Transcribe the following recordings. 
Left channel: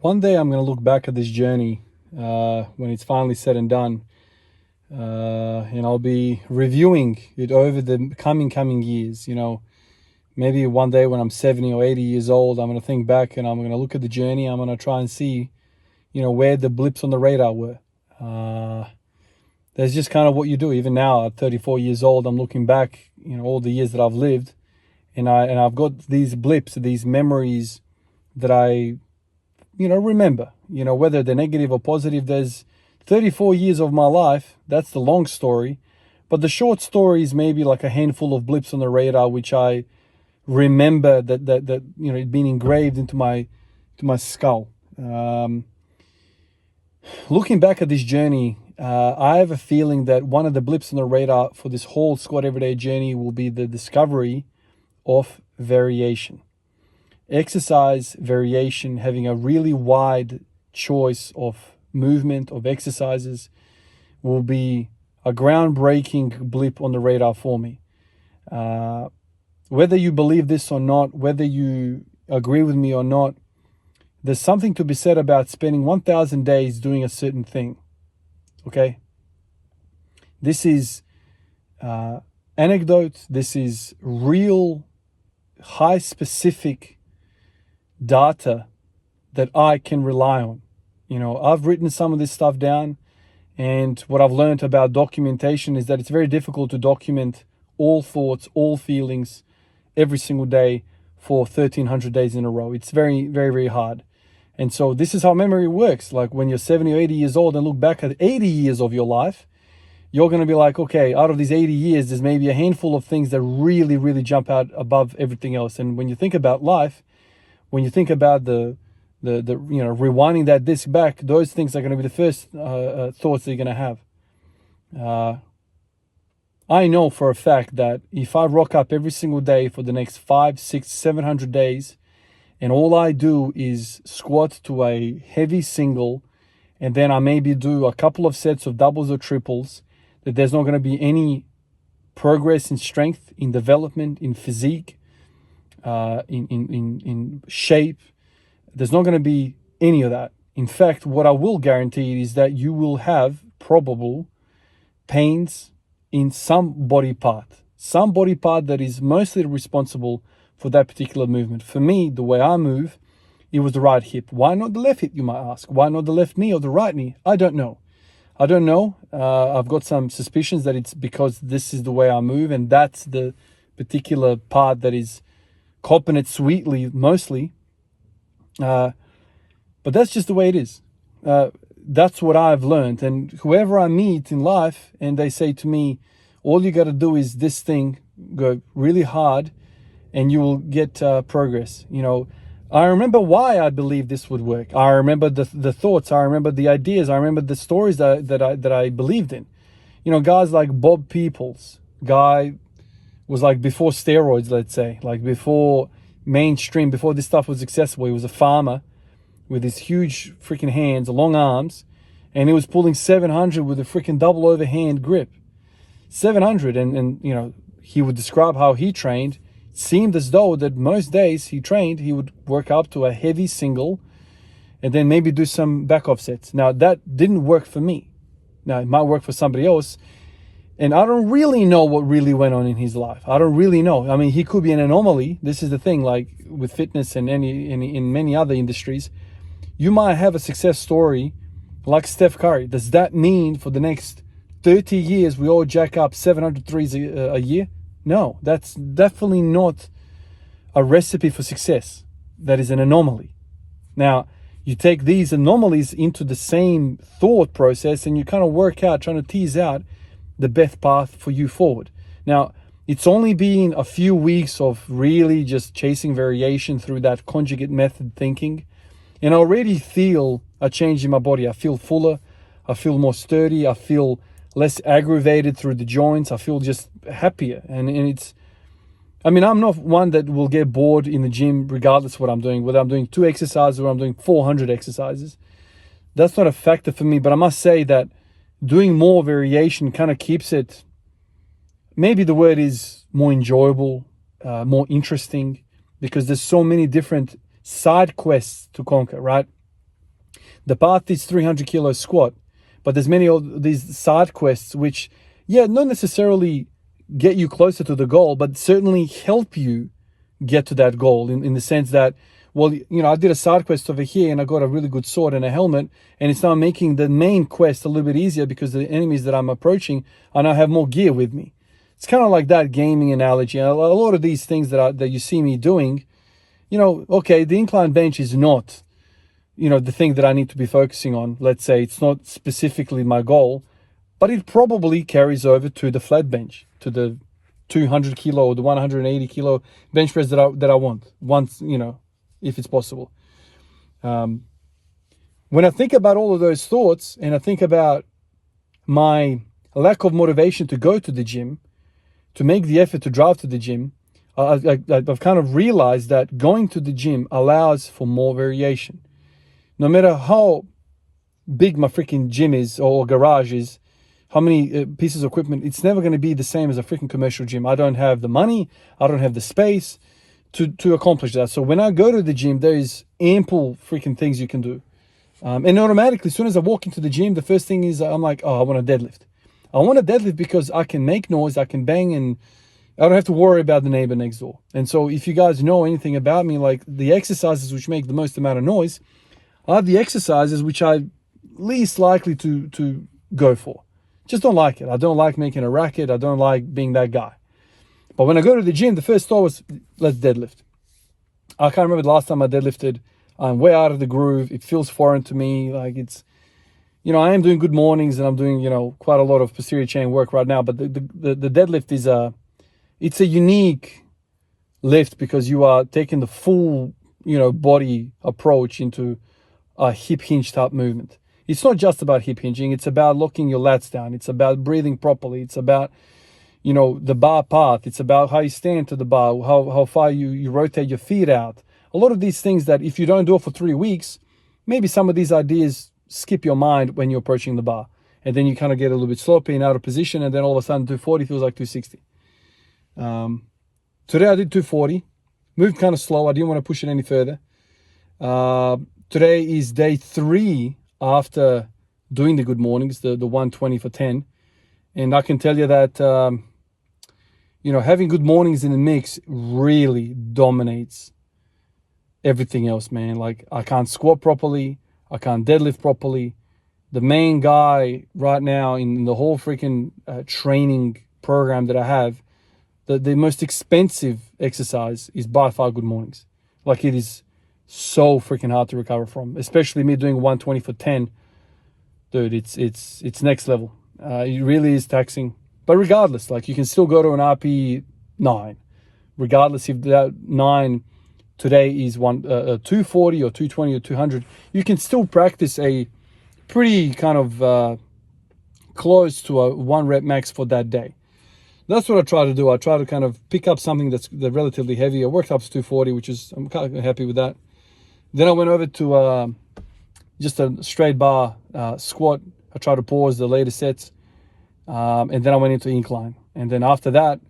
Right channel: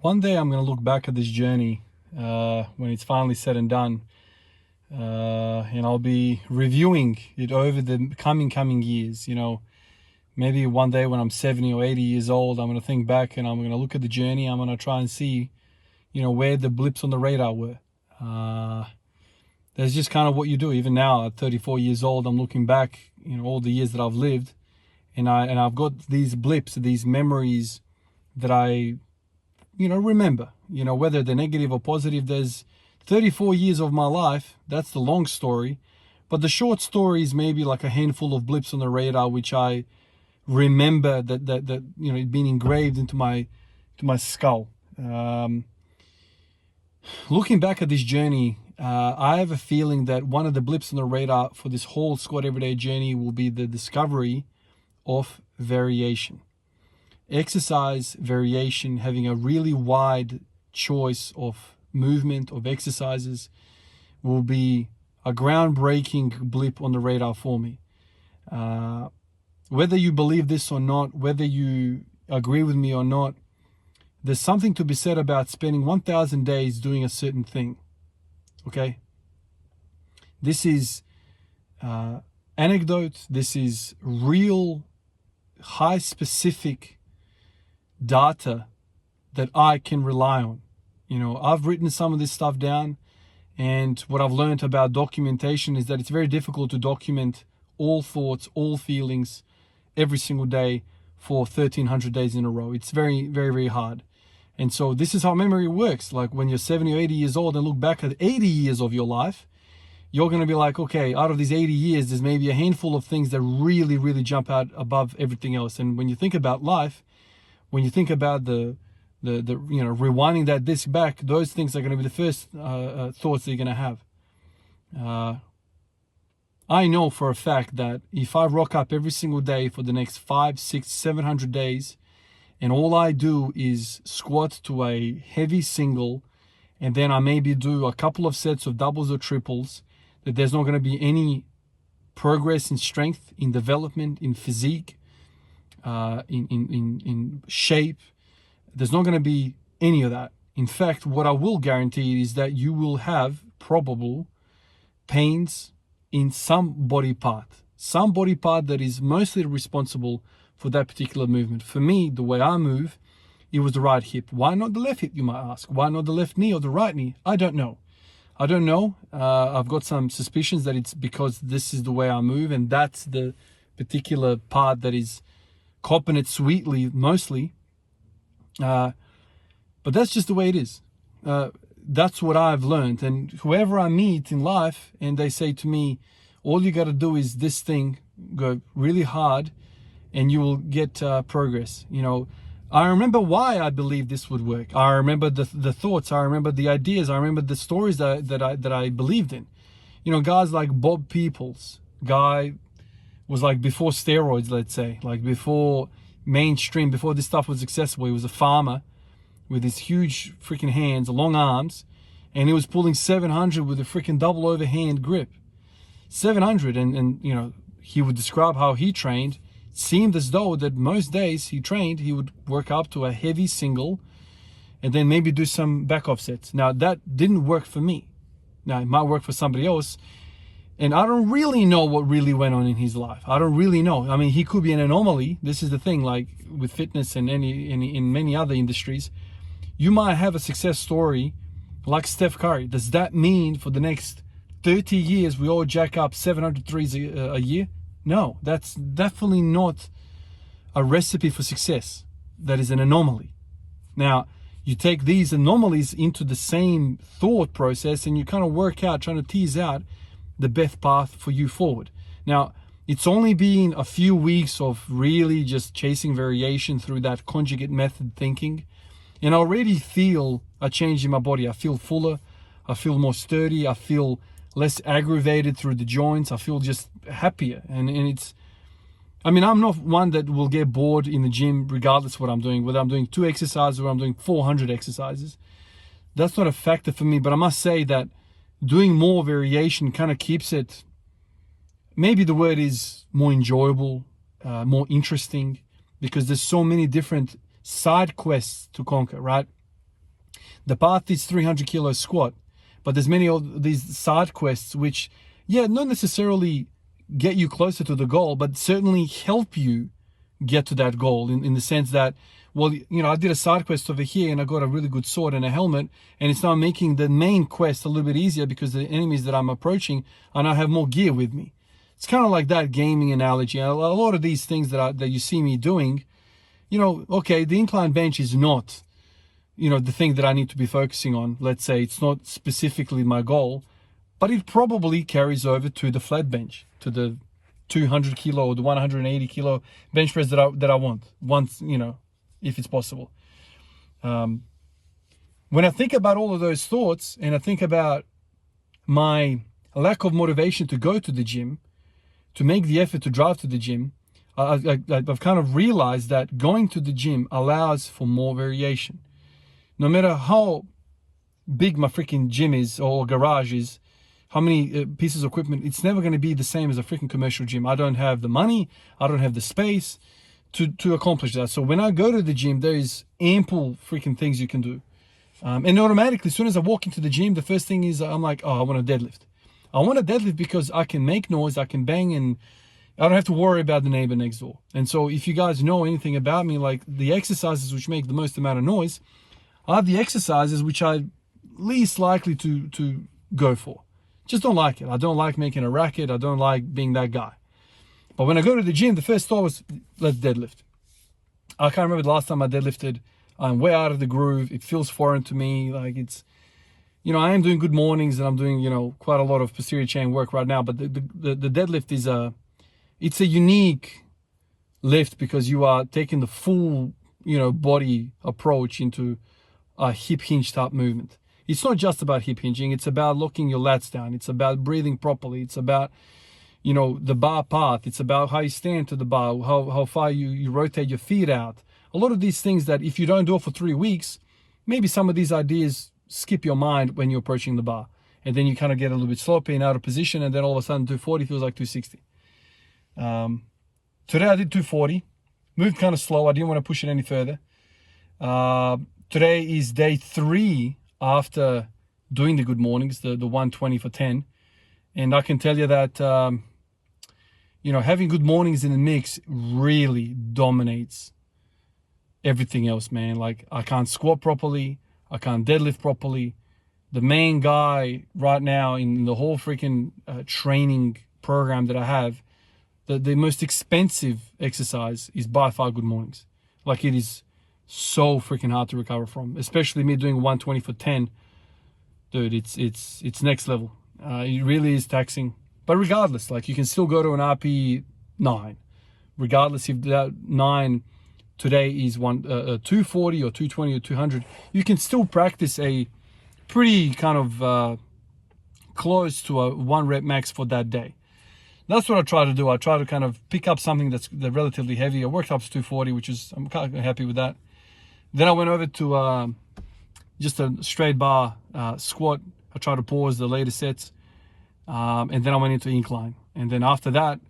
One day I'm going to look back at this journey when it's finally said and done, and I'll be reviewing it over the coming years. Maybe one day when I'm 70 or 80 years old, I'm going to think back and I'm going to look at the journey. I'm going to try and see, where the blips on the radar were. That's just kind of what you do. Even now at 34 years old, I'm looking back, all the years that I've lived, and I've got these blips, these memories that I remember, whether they're negative or positive. There's 34 years of my life. That's the long story. But the short story is maybe like a handful of blips on the radar, which I remember that it being engraved into my skull. Looking back at this journey, I have a feeling that one of the blips on the radar for this whole Squat Everyday journey will be the discovery of variation. Exercise variation, having a really wide choice of movement, of exercises, will be a groundbreaking blip on the radar for me. Whether you believe this or not, whether you agree with me or not, there's something to be said about spending 1,000 days doing a certain thing. Okay? This is anecdote. This is real, high specific data that I can rely on. I've written some of this stuff down, and what I've learned about documentation is that it's very difficult to document all thoughts, all feelings every single day for 1,300 days in a row. It's very, very, very hard. And so this is how memory works. Like when you're 70 or 80 years old and look back at 80 years of your life, you're going to be like, okay, out of these 80 years, there's maybe a handful of things that really, really jump out above everything else. And when you think about life, when you think about the rewinding that disc back, those things are going to be the first thoughts that you're going to have. I know for a fact that if I rock up every single day for the next 500, 600, 700 days, and all I do is squat to a heavy single, and then I maybe do a couple of sets of doubles or triples, that there's not going to be any progress in strength, in development, in physique, in shape. There's not going to be any of that. In fact, what I will guarantee is that you will have probable pains in some body part that is mostly responsible for that particular movement. For me, the way I move, it was the right hip. Why not the left hip, you might ask? Why not the left knee or the right knee? I don't know. I've got some suspicions that it's because this is the way I move, and that's the particular part that is copping it sweetly mostly. But that's just the way it is. That's what I've learned. And whoever I meet in life and they say to me, all you got to do is this thing, go really hard and you will get progress. I remember why I believed this would work. I remember the thoughts. I remember the ideas. I remember the stories that I believed in. Guys like Bob Peoples, guy was like before steroids, let's say, like before mainstream, before this stuff was accessible. He was a farmer with his huge freaking hands, long arms, and he was pulling 700 with a freaking double overhand grip. 700, and he would describe how he trained. It seemed as though that most days he trained, he would work up to a heavy single and then maybe do some back offsets. Now that didn't work for me. Now it might work for somebody else. And I don't really know what really went on in his life. I don't really know. I mean, he could be an anomaly. This is the thing, like with fitness and in many other industries, you might have a success story like Steph Curry. Does that mean for the next 30 years we all jack up 700 threes a year? No, that's definitely not a recipe for success. That is an anomaly. Now, you take these anomalies into the same thought process and you kind of work out, trying to tease out the best path for you forward. Now, it's only been a few weeks of really just chasing variation through that conjugate method thinking, and I already feel a change in my body. I feel fuller, I feel more sturdy, I feel less aggravated through the joints, I feel just happier. And it's, I'm not one that will get bored in the gym regardless of what I'm doing, whether I'm doing 2 exercises or I'm doing 400 exercises. That's not a factor for me, but I must say that doing more variation kind of keeps it, maybe the word is more enjoyable, more interesting, because there's so many different side quests to conquer, right? The path is 300 kilo squat, but there's many of these side quests which, yeah, not necessarily get you closer to the goal, but certainly help you get to that goal in the sense that, well, you know, I did a side quest over here and I got a really good sword and a helmet, and it's now making the main quest a little bit easier because the enemies that I'm approaching, I now have more gear with me. It's kind of like that gaming analogy. A lot of these things that you see me doing, you know, okay, the incline bench is not, you know, the thing that I need to be focusing on. Let's say it's not specifically my goal, but it probably carries over to the flat bench, to the 200 kilo or the 180 kilo bench press that I want once, you know, if it's possible. When I think about all of those thoughts and I think about my lack of motivation to go to the gym, to make the effort to drive to the gym, I've kind of realized that going to the gym allows for more variation. No matter how big my freaking gym is or garage is, how many pieces of equipment, it's never going to be the same as a freaking commercial gym. I don't have the money, I don't have the space to accomplish that. So when I go to the gym, there is ample freaking things you can do. And automatically, as soon as I walk into the gym, the first thing is I'm like, oh, I want a deadlift. I want a deadlift because I can make noise, I can bang, and I don't have to worry about the neighbor next door. And so if you guys know anything about me, like the exercises which make the most amount of noise are the exercises which I'm least likely to go for. Just don't like it. I don't like making a racket. I don't like being that guy. But when I go to the gym, the first thought was, let's deadlift. I can't remember the last time I deadlifted. I'm way out of the groove. It feels foreign to me. Like it's, you know, I am doing good mornings and I'm doing, you know, quite a lot of posterior chain work right now. But the deadlift is it's a unique lift because you are taking the full, you know, body approach into a hip hinge type movement. It's not just about hip hinging. It's about locking your lats down. It's about breathing properly. It's about, you know, the bar path. It's about how you stand to the bar, how far you rotate your feet out. A lot of these things that if you don't do it for 3 weeks, maybe some of these ideas skip your mind when you're approaching the bar. And then you kind of get a little bit sloppy and out of position. And then all of a sudden 240 feels like 260. Today I did 240. Moved kind of slow. I didn't want to push it any further. Today is day 3 after doing the good mornings, the 120 for 10. And I can tell you that, you know, having good mornings in the mix really dominates everything else, man. Like I can't squat properly. I can't deadlift properly. The main guy right now in the whole freaking training program that I have, the most expensive exercise is by far good mornings. Like it is so freaking hard to recover from, especially me doing 120 for 10. Dude, it's next level. It really is taxing. But regardless, like you can still go to an RP 9. Regardless if that 9 today is 240 or 220 or 200, you can still practice a pretty kind of close to a 1 rep max for that day. That's what I try to do. I try to kind of pick up something that's relatively heavy. I worked up to 240, which is, I'm kind of happy with that. Then I went over to just a straight bar squat. I tried to pause the later sets. And then I went into incline. And then after that,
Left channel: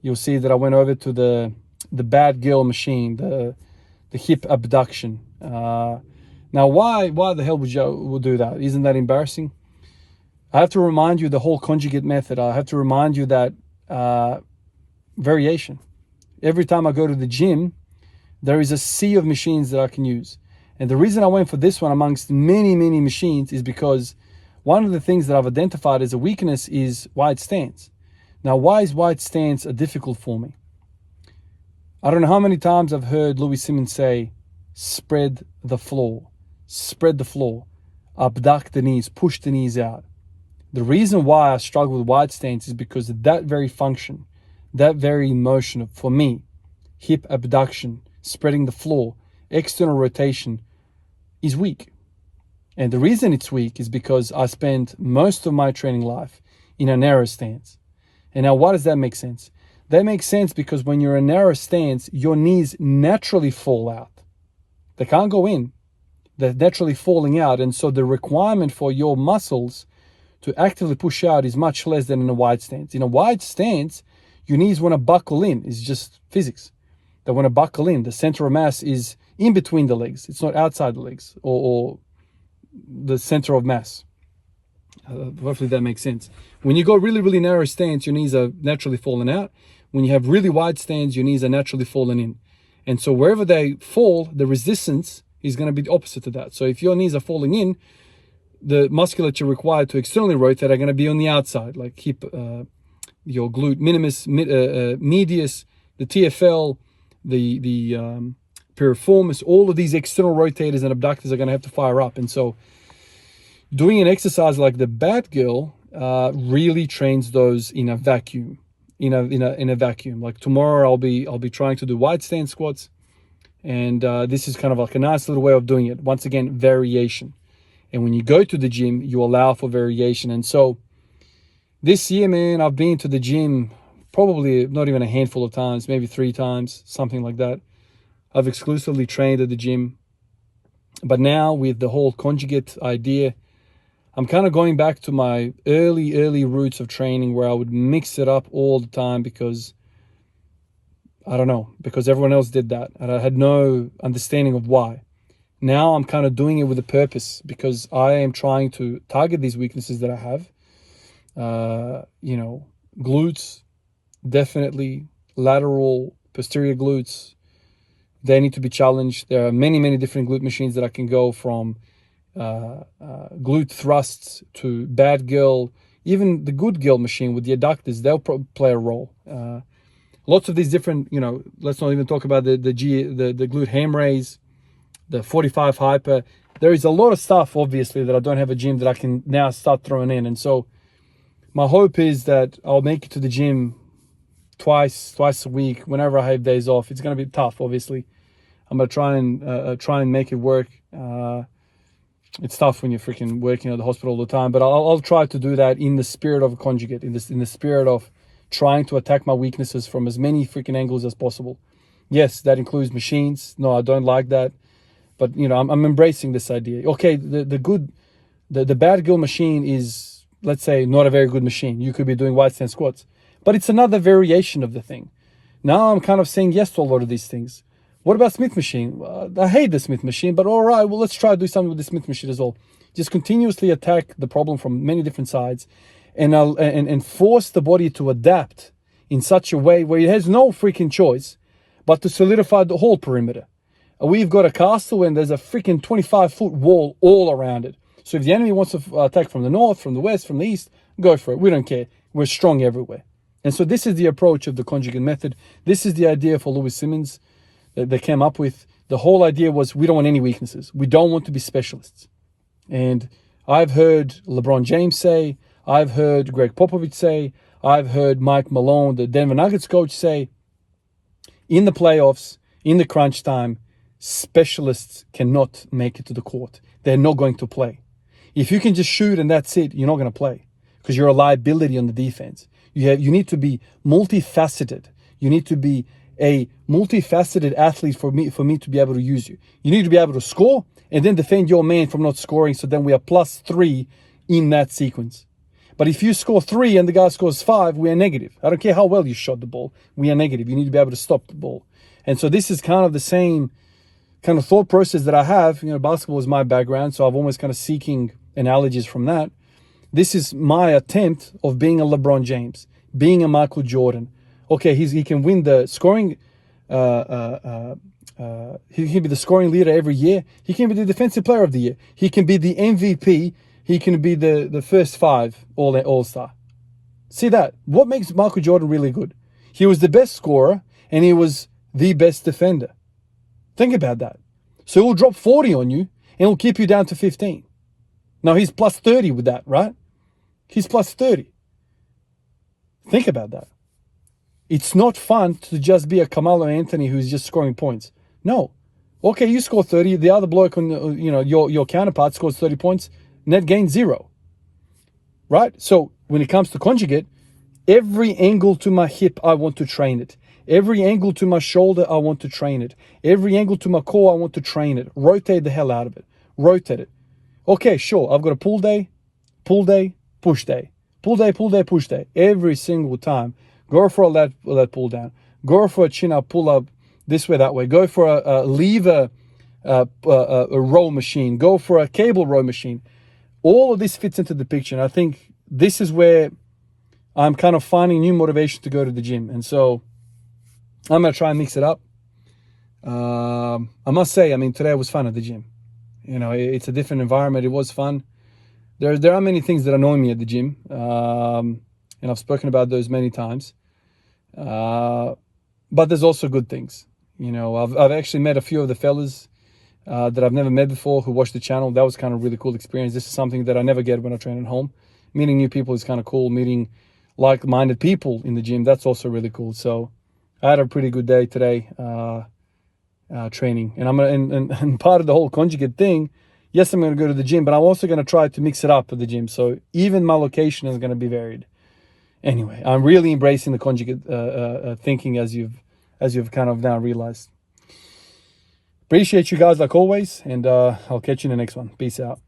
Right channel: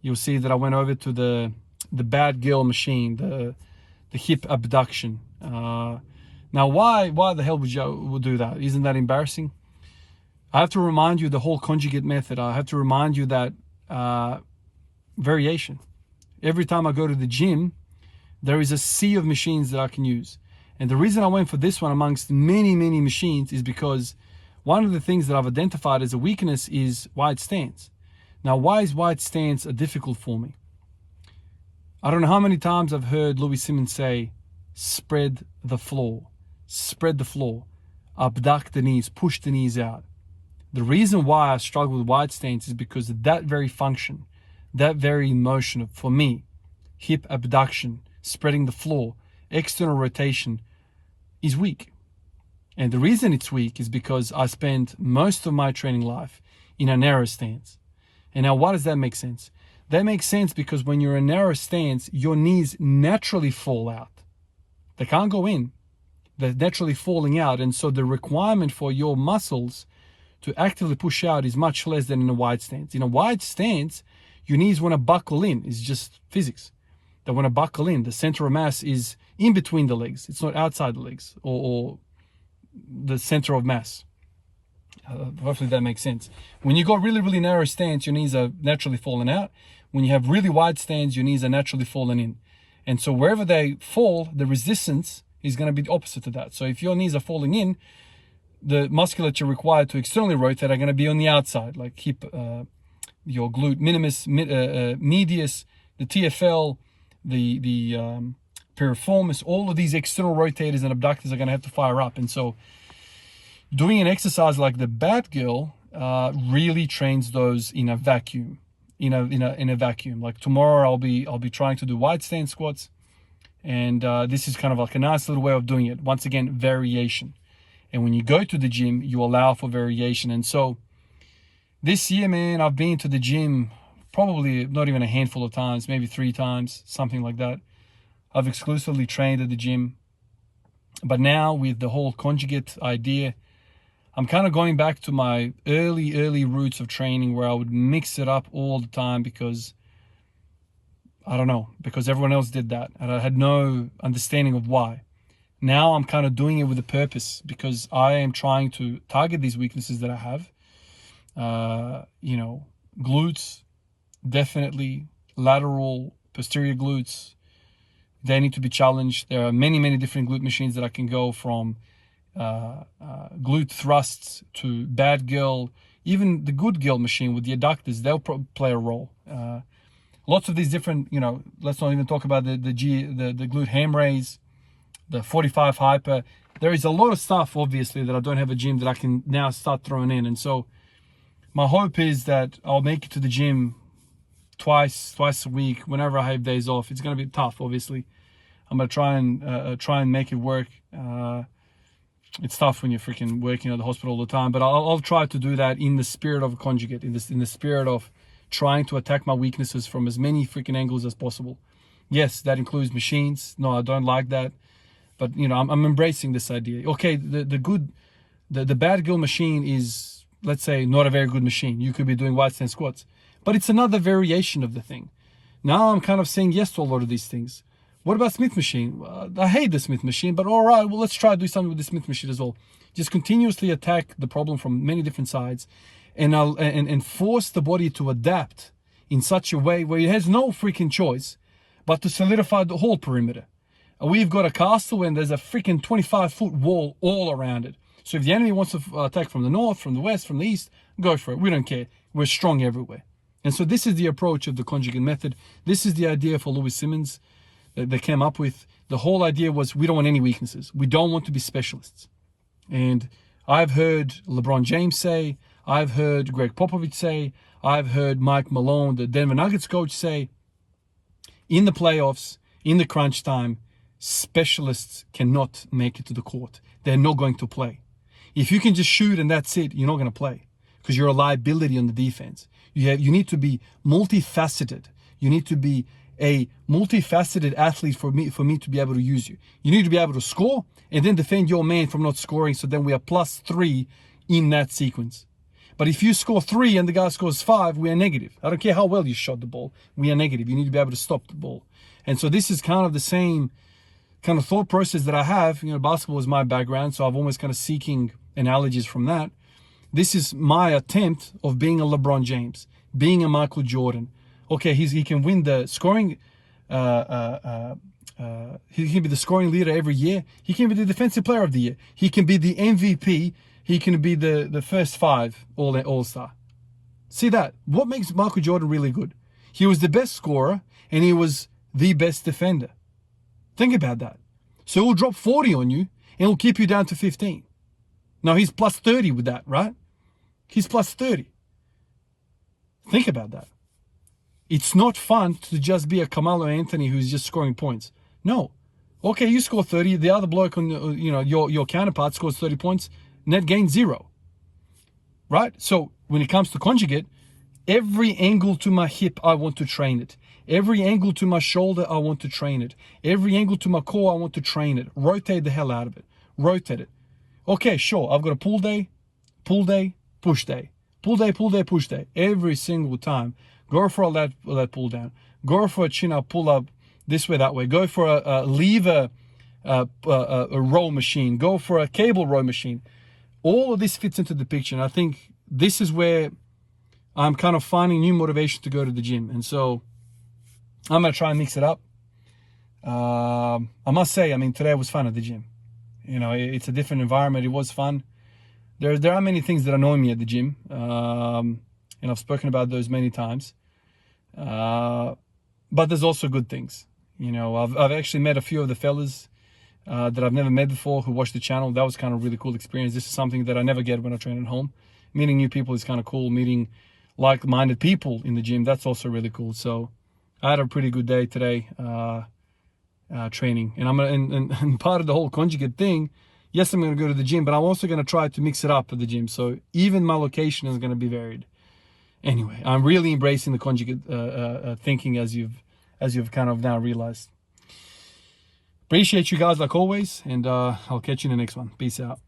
you'll see that I went over to the bad girl machine, the hip abduction. Now, why the hell would you do that? Isn't that embarrassing? I have to remind you the whole conjugate method. I have to remind you that variation. Every time I go to the gym, there is a sea of machines that I can use. And the reason I went for this one amongst many, many machines is because one of the things that I've identified as a weakness is wide stance. Now, why is wide stance difficult for me? I don't know how many times I've heard Louis Simmons say, spread the floor, abduct the knees, push the knees out. The reason why I struggle with wide stance is because that very function, that very motion for me, hip abduction, spreading the floor, external rotation, is weak. And the reason it's weak is because I spent most of my training life in a narrow stance. And now why does that make sense? That makes sense because when you're in a narrow stance, your knees naturally fall out. They can't go in. They're naturally falling out. And so the requirement for your muscles to actively push out is much less than in a wide stance. In a wide stance, your knees want to buckle in. It's just physics. They want to buckle in. The center of mass is in between the legs. It's not outside the legs or the center of mass. Hopefully that makes sense. When you go really, really narrow stance, your knees are naturally falling out. When you have really wide stance, your knees are naturally falling in. And so wherever they fall, the resistance is going to be the opposite to that. So if your knees are falling in, the musculature required to externally rotate are going to be on the outside, like hip, your glute minimus, medius, the TFL, the piriformis. All of these external rotators and abductors are going to have to fire up. And so doing an exercise like the bat girl really trains those in a vacuum. In a vacuum. Like tomorrow I'll be trying to do wide stance squats, and this is kind of like a nice little way of doing it. Once again, variation. And when you go to the gym, you allow for variation. And so this year, man, I've been to the gym probably not even a handful of times, maybe 3 times, something like that. I've exclusively trained at the gym. But now with the whole conjugate idea, I'm kind of going back to my early roots of training, where I would mix it up all the time because, I don't know, because everyone else did that and I had no understanding of why. Now I'm kind of doing it with a purpose, because I am trying to target these weaknesses that I have. You know, glutes, definitely, lateral, posterior glutes, they need to be challenged. There are many different glute machines that I can go from. Glute thrusts to bad girl, even the good girl machine with the adductors, they'll play a role. Lots of these different, you know, let's not even talk about the glute ham raise, the 45 hyper. There is a lot of stuff, obviously, that I don't have a gym that I can now start throwing in. And so my hope is that I'll make it to the gym twice a week whenever I have days off. It's going to be tough, obviously. I'm going to try and make it work. It's tough when you're freaking working at the hospital all the time, but I'll try to do that in the spirit of a conjugate, in the spirit of trying to attack my weaknesses from as many freaking angles as possible. Yes, that includes machines. No, I don't like that, but you know, I'm embracing this idea. Okay, the bad girl machine is, let's say, not a very good machine. You could be doing wide stance squats, but it's another variation of the thing. Now I'm kind of saying yes to a lot of these things. What about Smith machine? I hate the Smith machine, but all right, well, let's try to do something with the Smith machine as well. Just continuously attack the problem from many different sides, and force the body to adapt in such a way where it has no freaking choice but to solidify the whole perimeter. We've got a castle and there's a freaking 25-foot wall all around it. So if the enemy wants to attack from the north, from the west, from the east, go for it. We don't care. We're strong everywhere. And so this is the approach of the conjugate method. This is the idea for Louis Simmons that they came up with. The whole idea was, we don't want any weaknesses. We don't want to be specialists. And I've heard LeBron James say, I've heard Greg Popovich say, I've heard Mike Malone, the Denver Nuggets coach, say, in the playoffs, in the crunch time, specialists cannot make it to the court. They're not going to play. If you can just shoot and that's it, you're not going to play, because you're a liability on the defense. You need to be multifaceted. You need to be a multifaceted athlete for me to be able to use you. You need to be able to score and then defend your man from not scoring, so then we are +3 in that sequence. But if you score 3 and the guy scores 5, we are negative. I don't care how well you shot the ball. We are negative. You need to be able to stop the ball. And so this is kind of the same kind of thought process that I have. You know, basketball is my background, so I'm almost kind of seeking analogies from that. This is my attempt of being a LeBron James, being a Michael Jordan. Okay, he can win the scoring. He can be the scoring leader every year. He can be the defensive player of the year. He can be the MVP. He can be the first 5 all-star. See that? What makes Michael Jordan really good? He was the best scorer and he was the best defender. Think about that. So he'll drop 40 on you and he'll keep you down to 15. Now he's +30 with that, right? He's +30. Think about that. It's not fun to just be a Carmelo Anthony who's just scoring points. No. Okay, you score 30. The other bloke on your counterpart scores 30 points. Net gain 0. Right? So when it comes to conjugate, every angle to my hip, I want to train it. Every angle to my shoulder, I want to train it. Every angle to my core, I want to train it. Rotate the hell out of it. Rotate it. Okay, sure. I've got a pull day, push day. Pull day, push day. Every single time. Go for a lat pull down. Go for a chin up, pull up, this way, that way. Go for a lever a row machine, go for a cable row machine. All of this fits into the picture. And I think this is where I'm kind of finding new motivation to go to the gym. And so I'm going to try and mix it up. I must say, I mean, today was fun at the gym. You know, it's a different environment. It was fun. There are many things that annoy me at the gym. And I've spoken about those many times. But there's also good things. You know, I've actually met a few of the fellas that I've never met before who watch the channel. That was kind of a really cool experience. This is something that I never get when I train at home. Meeting new people is kind of cool. Meeting like-minded people in the gym, that's also really cool. So I had a pretty good day today training. And I'm gonna, and part of the whole conjugate thing, yes, I'm going to go to the gym, but I'm also going to try to mix it up at the gym. So even my location is going to be varied. Anyway, I'm really embracing the conjugate thinking, as you've kind of now realized. Appreciate you guys like always, and I'll catch you in the next one. Peace out.